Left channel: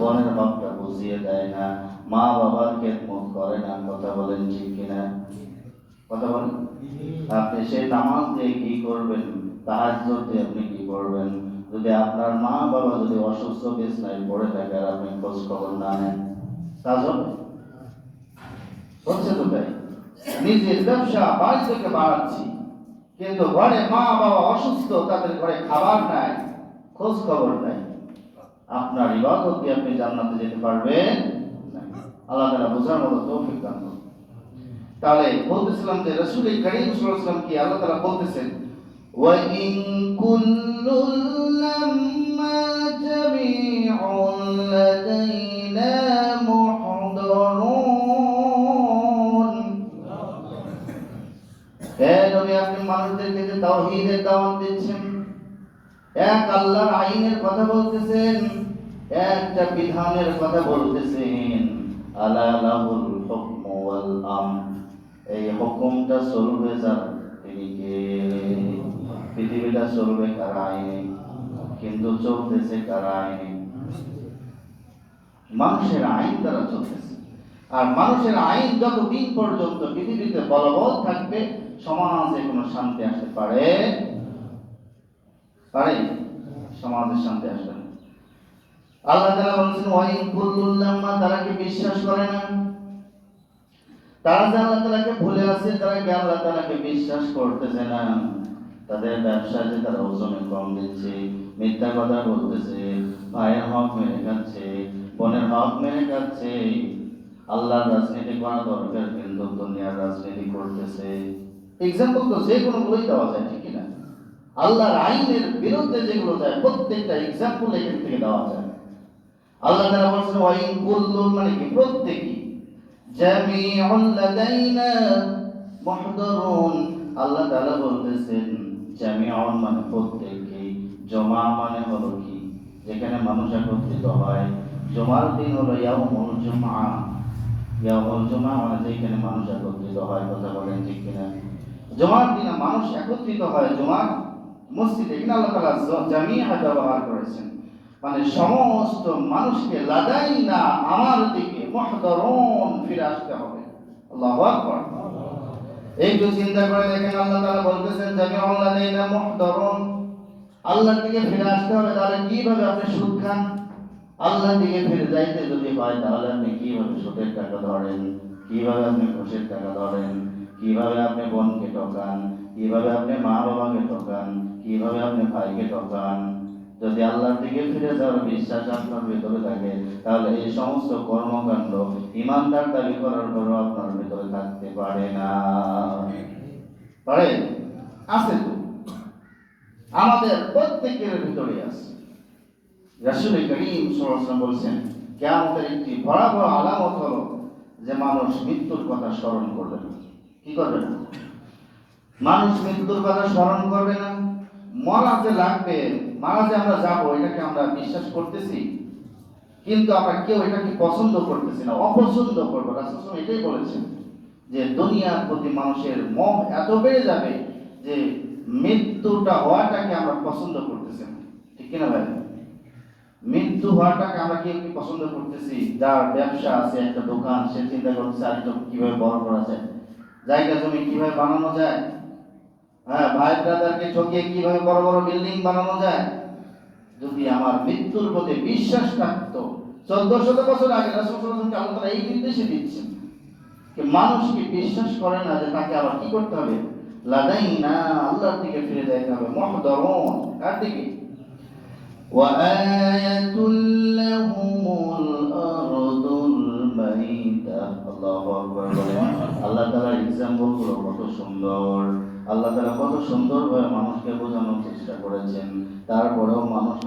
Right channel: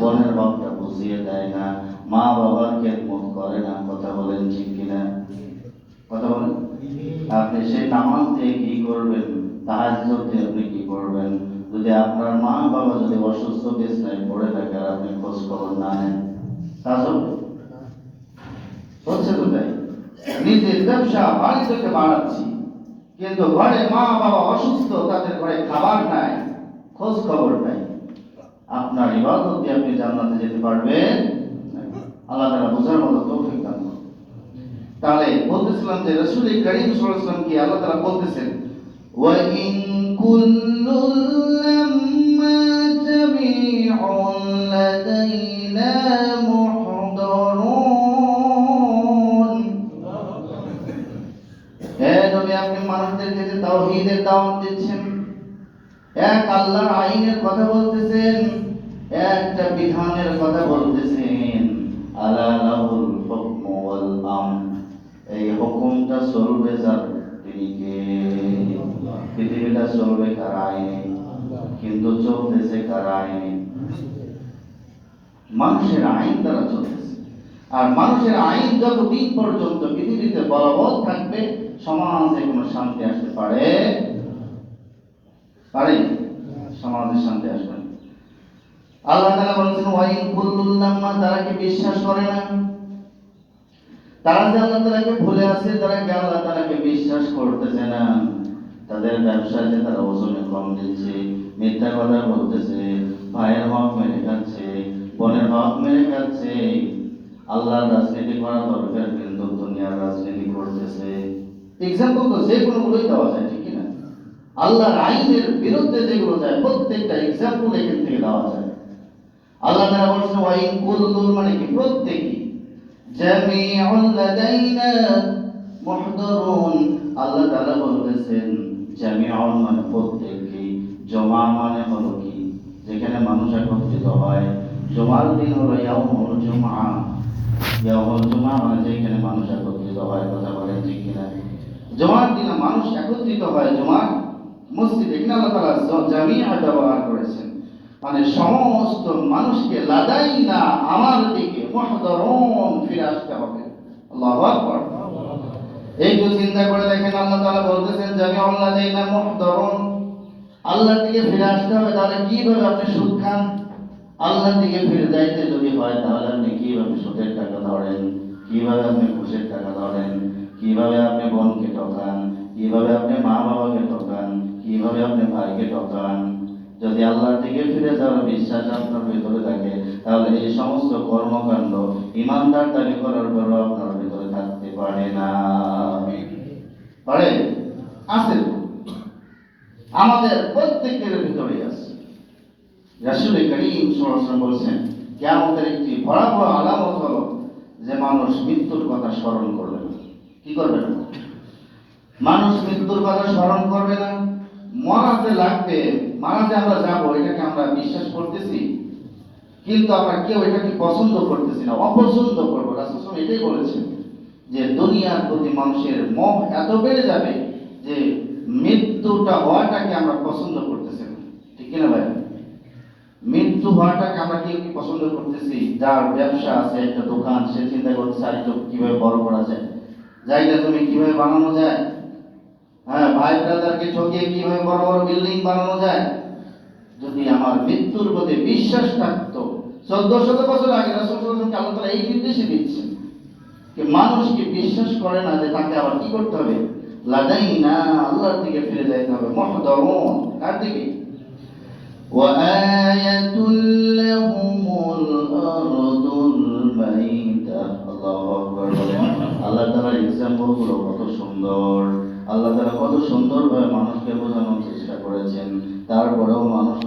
বোনের হকটা বুঝিয়ে দেয় না, মা বাবার খেদমত করে না। কথা বলেন ঠিক কিনা? কথা বলেন। আপনি সেই নামাজ দিয়ে কি করবেন? তাহাজ্জুদ দিয়ে আপনি কি করবেন? যদি আপনার মা বাবা যদি অসুস্থ বিছানায় পড়ে থাকে আর আপনি খোঁজ খবর না নেন, কাজ হবে? হচ্ছে তো তাই। নিজের ব্যবসা বাণিজ্যকে বাড়াচ্ছি, কিন্তু ঘরে মা বাবা অসুস্থ, তাদের ঘরে খাবার নাই, খোঁজ খবর নাই। আপনার ইবাদত দিয়ে আপনি জান্নাতে যেতে পারবেন? আল্লাহ তাআলা বোঝার মতো তৌফিক দান করুন। তাহলে বলতেছিলাম যে রাসূল করিম সাল্লাল্লাহু আলাইহি ওয়াসাল্লাম কি আল্লাহ তাআলা বলতেছেন, ওয়া ইন কুল্লুল লাম্মা জামিউন লাদাইনা মুহদারুন। হে নবী, আপনি মানুষদেরকে যে তাওহীদের দাওয়াত দিচ্ছেন, এক আল্লাহর আইনের কথা বলতেছেন, একটা বিধানের কথা বলতেছেন, আলা লাহুল হুকমু ওয়াল আমর। এই হুকুমটা চলবে যার, তিনি কে? পৃথিবীটা চলবে কার আইনে? কিন্তু চলতেছে কার আইনে? মানুষের আইন দ্বারা চলতেছে। আর মানুষের আইন যতদিন পর্যন্ত পৃথিবীতে বলবৎ থাকবে, সমাজে কোনো শান্তি আসতে পারে? সমাজে শান্তি আসবে না। আল্লাহ তাআলা বলেছেন, ওয়া ইন কুল্লুল লাম্মা, তারা কি বিশ্বাস করে না? তারা যে আল্লাহ তাআলাকে ভুলে আছে, তারা কি আল্লাহ তাআলাকে বিশ্বাস করতেছে না? তাদের ব্যবসা যে তারা ওজনে কম দিচ্ছে, মিথ্যা কথা বলতেছে, ভাইয়ের হক মেরে খাচ্ছে, বোনের হক মেরে খাচ্ছে, আল্লাহর রাজনীতি করা দরকার, কিন্তু দুনিয়ার রাজনীতি করতেছে। এক্সাম্পল তো যে কোনোগুলোই দেওয়া যায়, ঠিক না? আল্লাহর আইনের বিরুদ্ধে যেগুলো যায়, প্রত্যেকটা এক্সাম্পল এখান থেকে দেওয়া যায়। আল্লাহ তাআলা বলেছেন, ওয়া ইন কুল্লুন, মানে কি প্রত্যেকই, জামিউল লাদাইনা মুহদারুন। আল্লাহ তাআলা বলেছেন জামিউন মানে প্রত্যেকই, জমা মানে হলো কি? যেখানে মানুষ একত্রিত হয়। জুমার দিন হলো ইয়াউমুল জুমআ। ইয়াউমুল জুমআ মানে যেখানে মানুষ একত্রিত হয়। কথা বলেন ঠিক কিনা? জুমার দিনে মানুষ একত্রিত হয় জুমার মসজিদে। এখানে আল্লাহ তাআলা জামিআ ব্যবহার করেছেন, মানে সমস্ত মানুষকে লাদাইনা, আমার দিকে, মুহদারুন, ফিরে আসতে হবে। আল্লাহু আকবার। একটু চিন্তা করে দেখেন, আল্লাহ তাআলা বলতেছেন জামিউল লাদাইনা মুহদারুন, আল্লাহর দিকে ফিরে আসতে হবে। তাহলে কিভাবে আপনি সুদ খান? আল্লাহর দিকে ফিরে যাইতে যদি হয়, তাহলে আপনি কিভাবে সুদের টাকা ধরেন? কিভাবে আপনি ঘুষের টাকা ধরেন? কিভাবে আপনি বোনকে ঠকান? কিভাবে আপনি মা বাবাকে ঠকান? কিভাবে আপনি ভাইকে ঠকান? যদি আল্লাহর দিকে ফিরে যাওয়ার বিশ্বাস আপনার ভিতরে থাকে, তাহলে এই সমস্ত কর্মকাণ্ড ইমানদার দাবি করার পরও আপনার ভিতরে থাকতে পারে না। পারে? আছে তো, আমাদের প্রত্যেকের ভিতরে আছে। রাসূল করিম সাল্লাল্লাহু আলাইহি ওয়াসাল্লাম বলেছেন, কিয়ামতের একটি ভয়াবহ আলামত হলো যে মানুষ মৃত্যুর কথা স্মরণ করবে না। কি করবে না? মানুষ মৃত্যুর কথা স্মরণ করবে না। মরা যে লাগবে, মারা যে আমরা যাবো, এটাকে আমরা বিশ্বাস করতেছি, কিন্তু আমরা কেউ এটাকে পছন্দ করতেছি না, অপছন্দ করবো। রাসূল সাল্লাল্লাহু আলাইহি ওয়াসাল্লাম এটাই বলেছেন যে দুনিয়ার প্রতি মানুষের মোহ এত বেড়ে যাবে যে মৃত্যুটা হওয়াটাকে আমরা পছন্দ করতেছি না। ঠিক কিনা ভাই? মৃত্যু হওয়াটাকে আমরা কি পছন্দ করতেছি? যার ব্যবসা আছে, একটা দোকান, সে চিন্তা করতেছে আর একটু কিভাবে বড় করা যায়, জায়গা জমি কিভাবে বানানো যায়, হ্যাঁ, ভাই ব্রাদারকে ঠকিয়ে কিভাবে বড় বড় বিল্ডিং বানানো যায়। যদি আমার মৃত্যুর প্রতি বিশ্বাস থাকতো, 1400 বছর আগে রাসূল সাল্লাল্লাহু আলাইহি ওয়াসাল্লাম আল্লাহ এই নির্দেশই দিচ্ছেন যে মানুষকে বিশ্বাস করে না, যে তাকে আবার কি করতে হবে? লাদাইনা, আল্লাহর দিকে ফিরে যাইতে হবে। মুহদারুন, কার দিকে? وآية لهم الأرض الميتة। আল্লাহু আকবার। আল্লাহ তাআলার এক্সাম্পল গুলো কত সুন্দর, আল্লাহ তাআলা কত সুন্দরভাবে মানুষকে বোঝানোর চেষ্টা করেছেন, তারপরেও মানুষ